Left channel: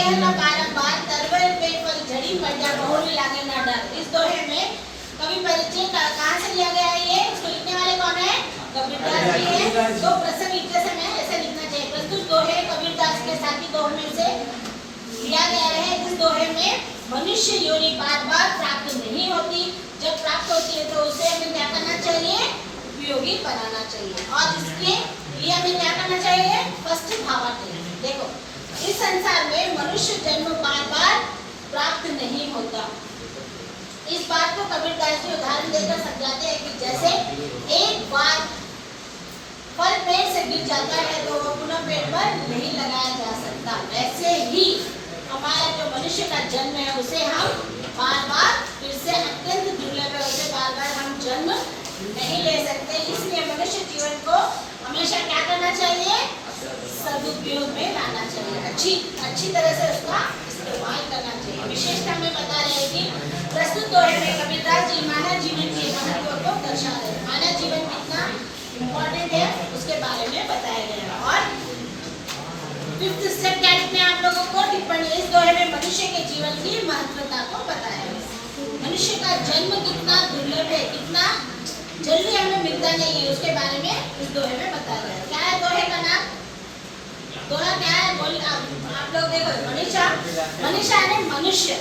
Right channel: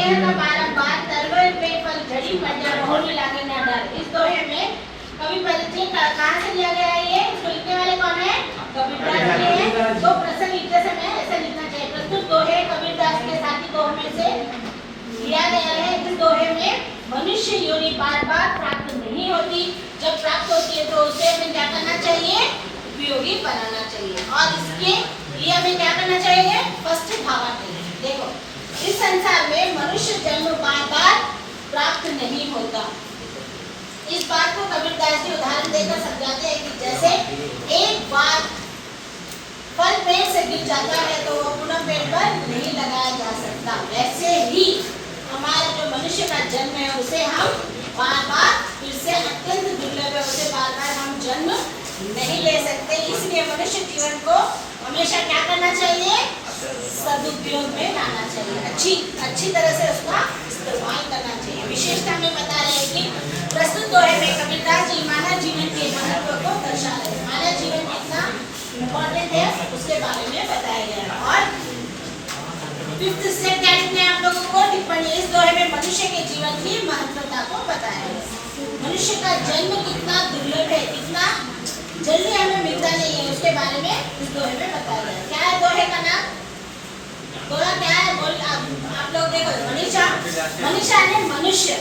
देहला बारंबार तरवर पे फल झड़ी पड़िया बहुरी लागे ना डर। इस दोहे में कवि परिचय कहाँ से लिया गया है? ये इसको लिखने वाले कौन है? कबीरदास जी हैं। तो प्रसंग लिखते समय ऐसा लिखना चाहिए। प्रस्तुत दोहे कबीरदास के साथी दोहे में से लिया गया है। इस दोहे में मनुष्य योनि बार बार प्राप्त नहीं होती, जब प्राप्त होती है तो उसे हमें क्या करना चाहिए? उपयोगी बनाना चाहिए। और इसके लिए हमें क्या करना चाहिए? फर्स्ट भावार्थ चाहिए। देखो, इस संसार में मनुष्य जन्म बार बार प्राप्त नहीं होता। इस बात को कबीरदास जी उदाहरण देकर समझाते हैं कि जैसे एक बार फल पेड़ से गिर जाता है तो वो पुनः पेड़ पर नहीं लगाया जा सकता, वैसे ही हमारा जो मनुष्य का जन्म है उसे हम बार बार फिर से अत्यंत दुर्लभ है, उसे बार बार हम जन्म नहीं ले सकते। इसलिए मनुष्य जीवन को हमेशा क्या करना चाहिए? सदुपयोग में लाना चाहिए, अच्छी तरह से उसका इस्तेमाल करना चाहिए। विशेषता में बता रहे हैं कि प्रस्तुत दोहे में कबीरदास जी मानव जीवन के महत्व को दर्शा रहे हैं। मानव जीवन कितना इम्पोर्टेंट है उसके बारे में बताया गया है। और फिफ्थ स्टेप क्या लिखने आप लोगों को? टिप्पणी। इस दोहे में मनुष्य के जीवन की महत्वता को बताया है। मनुष्य का जन्म कितना दुर्लभ है, कितना जल्दी हमें मिलता नहीं है, उसके बारे में इस दोहे में बताया गया है। क्या है दोहे का नाम? दोहा क्या है? बोल आप लोग देखो। मनुष्य यानी मनुष्य,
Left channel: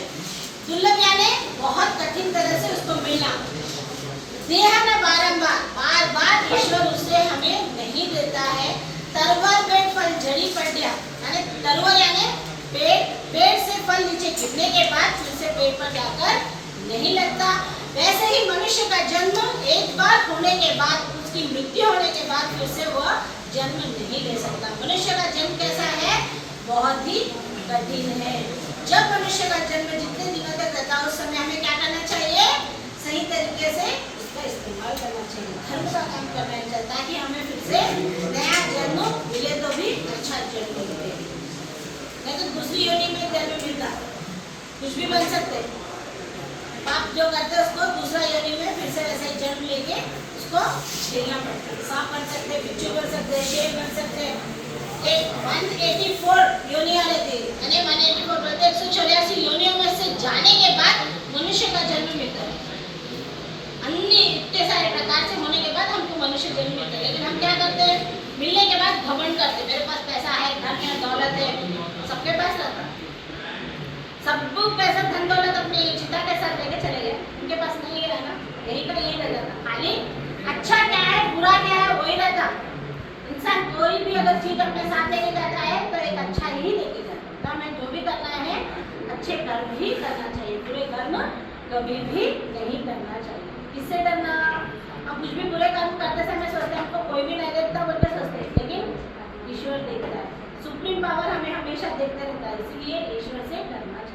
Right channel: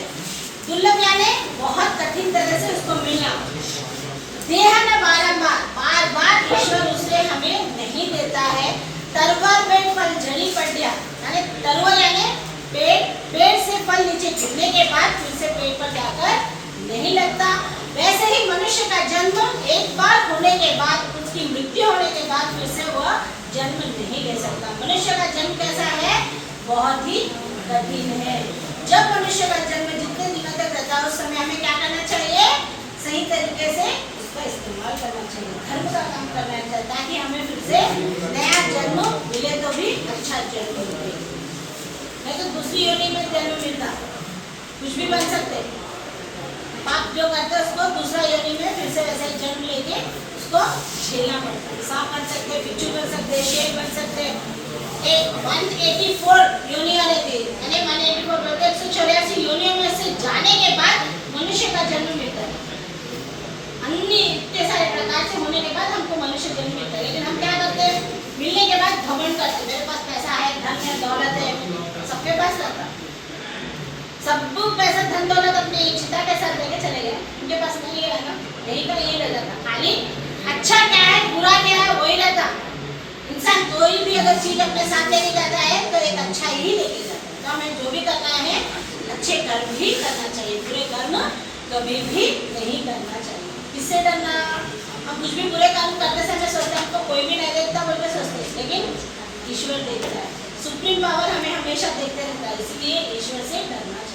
दुर्लभ यानी बहुत कठिन तरह से उसको मिलना। देह न बारंबार, बार बार ईश्वर उसे हमें नहीं देता है। तरवर पेड़ फल झड़ी पड़ गया, यानी तरवर यानी पेड़ से फल नीचे गिरने के बाद फिर से पेड़ पर जाकर नहीं लगता। वैसे ही मनुष्य का जन्म एक बार होने के बाद, उसकी मृत्यु होने के बाद फिर से वह जन्म नहीं ले सकता। मनुष्य का जन्म कैसा है? बहुत ही कठिन है। जब मनुष्य का जन्म जितने दिनों तक रहता है उस समय हमें क्या करना चाहिए? सही तरीके से उसका इस्तेमाल करना चाहिए, धर्म का काम करना चाहिए, ताकि हमें फिर से नया जन्म मिले तो भी अच्छा जन्म मिले। नहीं तो दूसरी योनि में जन्म मिलता, कुछ भी बन सकते। पाप जो करते हैं उसको दूसरा योनि में फिर से वैसे ही जन्म लेके उसको झेलना पड़ता है। सांप बन सकते, बिच्छू बन सकते, शेर बन सकते। 184 योनियां रहती है, यानी 184 बल्कि 184 योनियों में से जाने के बाद मनुष्य का जन्म मिलता है। अन्य इतने सारे प्रकार से होने के बाद हमको मनुष्य जन्म मिलता है। लेकिन हम क्या करते हैं? मिलने के बाद घमंड करते, मेरे पास पैसा है, धन है, दौलत है, सबके पास रहता है। सब पैसा धन दौलत अपने चिता के साथ लेके चले गए, उनके पास नहीं गया ना, यही का यही रह जाता। खाली अच्छा क्या है बुरा क्या है वही रहता। इंसान कोई भी अगर चीज अपने साथ लेके जाता है तो एक अच्छा ही लेके जाता है। तो हमें जो भी करना है अच्छे कर्म ही करना चाहिए, बुरे कर्म कभी भी नहीं करना चाहिए। किससे डरना? हम कुछ भी बुरे कर्म करते समय सोचते हैं हमको कोई भी नहीं देखता बोल के सोचते, लेकिन ईश्वर देखता है। सुप्रीम पावर हमें हमेशा देखते रहता है, इसलिए ईश्वर से डरना चाहिए।